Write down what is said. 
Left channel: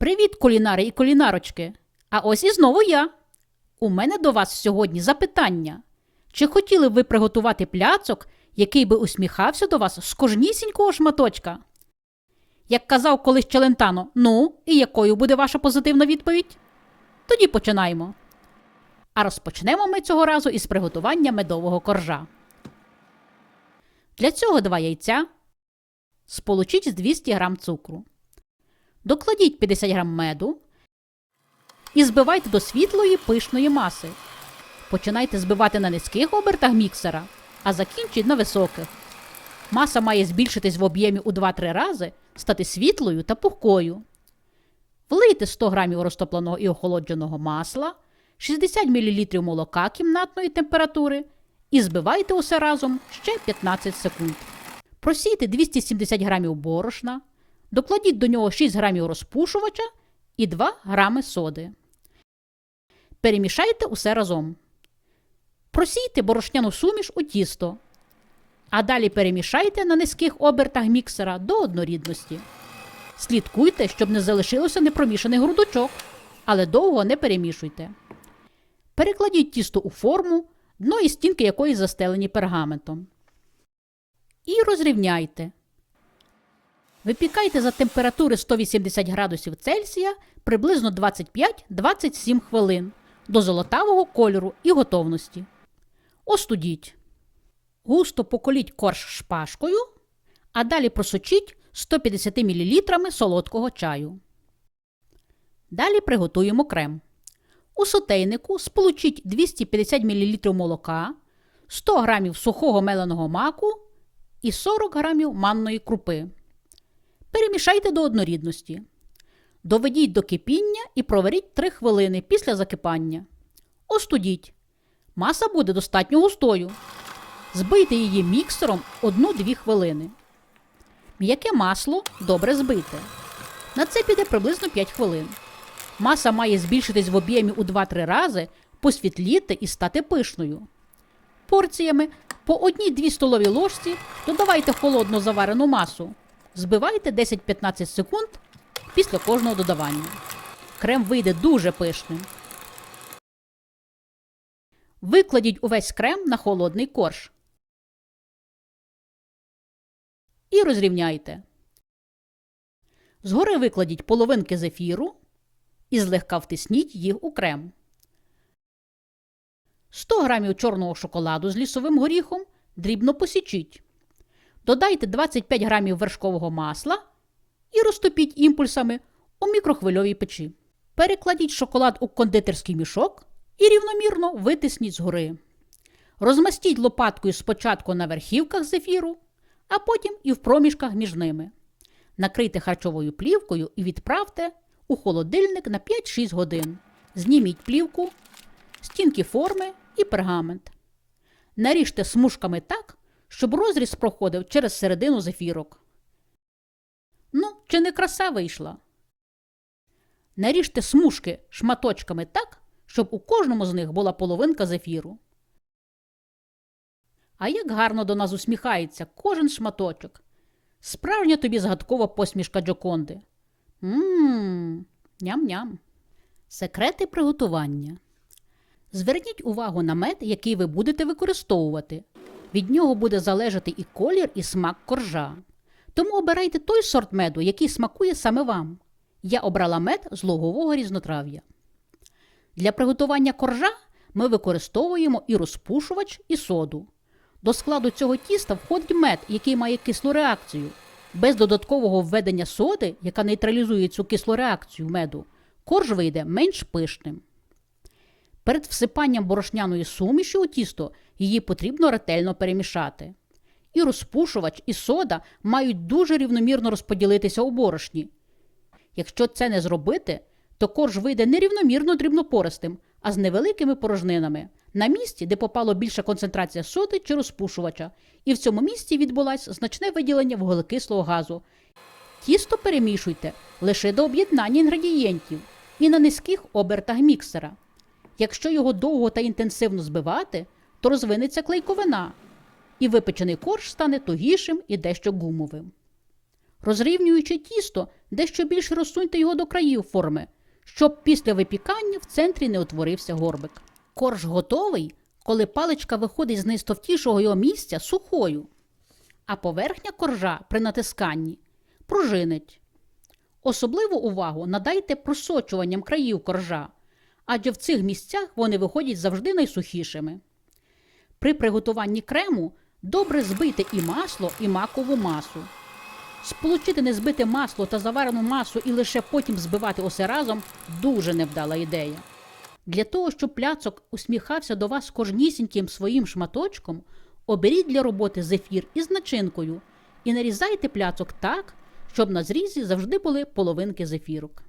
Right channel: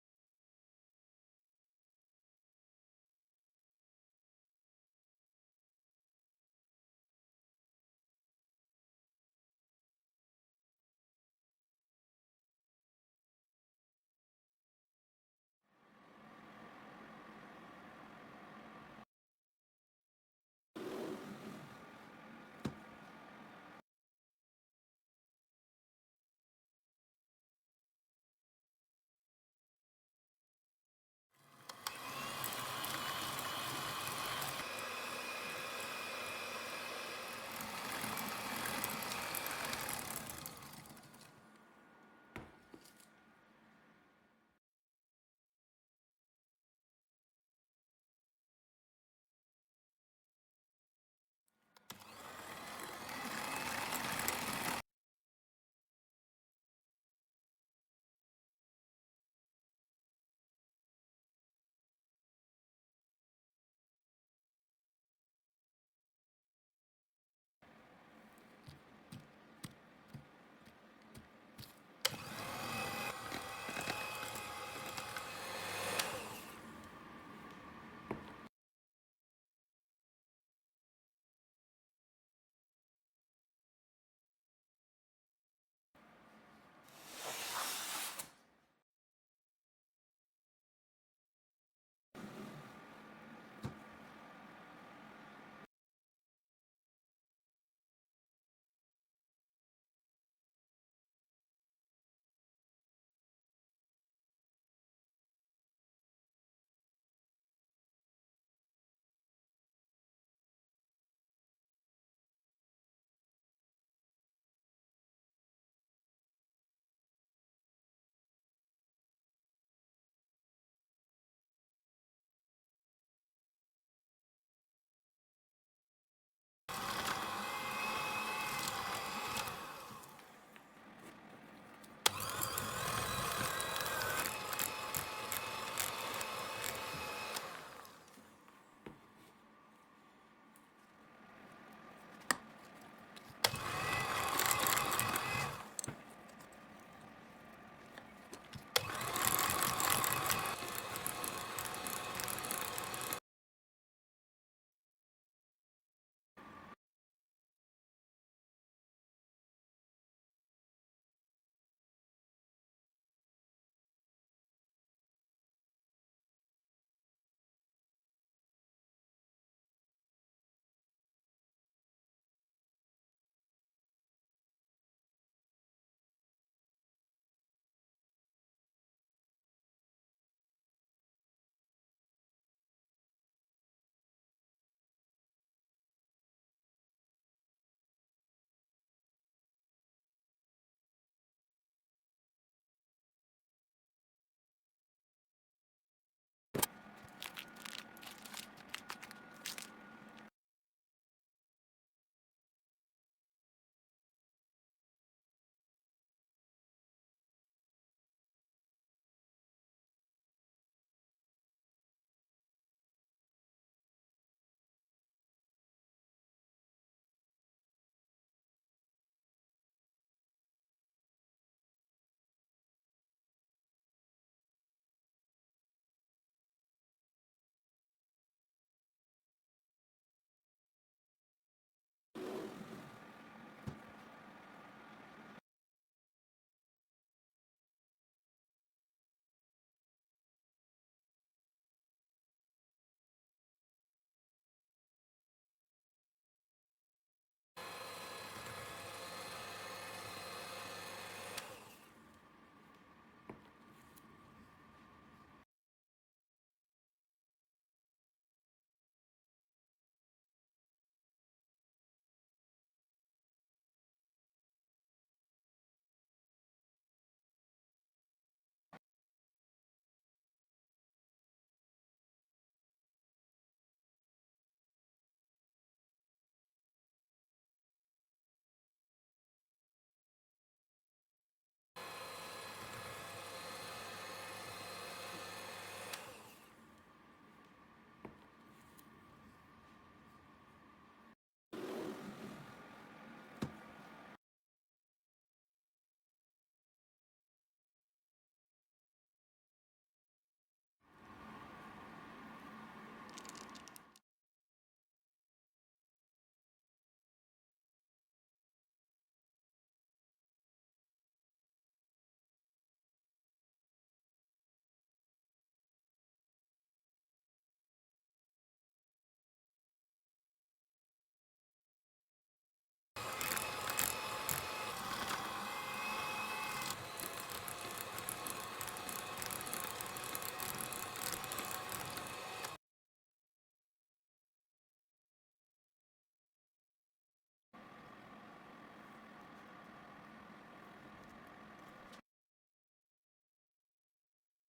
Привіт, кулінари і кулінарочки! А ось і знову я. У мене до вас сьогодні запитання. Чи хотіли б ви приготувати пляцок, який би усміхався до вас з кожнісінького шматочка? Як казав колись Челентано, ну, і якою буде ваша позитивна відповідь? Тоді починаємо. А розпочнемо ми цього разу із приготування медового коржа. Для цього два яйця. Сполучіть з 200 г цукру. Докладіть 50 г меду і збивайте до світлої пишної маси. Починайте збивати на низьких обертах міксера, а закінчіть на високих. Маса має збільшитись в об'ємі у 2-3 рази, стати світлою та пухкою. Влийте 100 г розтопленого і охолодженого масла, 60 мл молока кімнатної температури і збивайте усе разом ще 15 секунд. Просійте 270 г борошна, докладіть до нього 6 г розпушувача і 2 г соди. Перемішайте усе разом. Просійте борошняну суміш у тісто. А далі перемішайте на низьких обертах міксера до однорідності. Слідкуйте, щоб не залишилося непромішаний грудочок, але довго не перемішуйте. Перекладіть тісто у форму, дно і стінки якої застелені пергаментом. І розрівняйте. Випікайте за температури 180 градусів Цельсія приблизно 25-27 хвилин до золотавого кольору і готовності. Остудіть. Густо поколіть корж шпажкою, а далі просочіть 150 мл солодкого чаю. Далі приготуємо крем. У сотейнику сполучіть 250 мл молока, 100 г сухого меленого маку і 40 г манної крупи. Перемішайте до однорідності. Доведіть до кипіння і проваріть 3 хвилини після закипання. Остудіть. Маса буде достатньо густою. Збийте її міксером 1-2 хвилини. М'яке масло добре збийте. На це піде приблизно 5 хвилин. Маса має збільшитись в об'ємі у 2-3 рази, посвітліти і стати пишною. Порціями по 1-2 столові ложці додавайте холодну заварену масу. Збивайте 10-15 секунд після кожного додавання. Крем вийде дуже пишним. Викладіть увесь крем на холодний корж. І розрівняйте. Згори викладіть половинки зефіру і злегка втисніть їх у крем. 100 г чорного шоколаду з лісовим горіхом дрібно посічіть. Додайте 25 г вершкового масла і розтопіть імпульсами у мікрохвильовій печі. Перекладіть шоколад у кондитерський мішок і рівномірно витисніть згори. Розмастіть лопаткою спочатку на верхівках зефіру, а потім і в проміжках між ними. Накрийте харчовою плівкою і відправте у холодильник на 5-6 годин. Зніміть плівку, стінки форми і пергамент. Наріжте смужками так, щоб розріз проходив через середину зефірок. Ну, чи не краса вийшла? Наріжте смужки шматочками так, щоб у кожному з них була половинка зефіру. А як гарно до нас усміхається кожен шматочок. Справжня тобі згадкова посмішка Джоконди. Ммм, ням-ням. Секрети приготування. Зверніть увагу на мед, який ви будете використовувати. Від нього буде залежати і колір, і смак коржа. Тому обирайте той сорт меду, який смакує саме вам. Я обрала мед з лугового різнотрав'я. Для приготування коржа ми використовуємо і розпушувач, і соду. До складу цього тіста входить мед, який має кислу реакцію. Без додаткового введення соди, яка нейтралізує цю кислу реакцію меду, корж вийде менш пишним. Перед всипанням борошняної суміші у тісто її потрібно ретельно перемішати. І розпушувач, і сода мають дуже рівномірно розподілитися у борошні. Якщо це не зробити, то корж вийде нерівномірно дрібнопористим, а з невеликими порожнинами на місці, де попало більша концентрація соди чи розпушувача, і в цьому місці відбулось значне виділення вуглекислого газу. Тісто перемішуйте лише до об'єднання інгредієнтів і на низьких обертах міксера. Якщо його довго та інтенсивно збивати, то розвинеться клейковина, і випечений корж стане тугішим і дещо гумовим. Розрівнюючи тісто, дещо більше розсуньте його до країв форми, щоб після випікання в центрі не утворився горбик. Корж готовий, коли паличка виходить з найстовтішого його місця сухою, а поверхня коржа при натисканні пружинить. Особливу увагу надайте просочуванням країв коржа, адже в цих місцях вони виходять завжди найсухішими. При приготуванні крему добре збийте і масло, і макову масу. Сполучити незбите масло та заварену масу і лише потім збивати усе разом дуже невдала ідея. Для того, щоб пляцок усміхався до вас кожнісіньким своїм шматочком, оберіть для роботи зефір із начинкою і нарізайте пляцок так, щоб на зрізі завжди були половинки зефірок.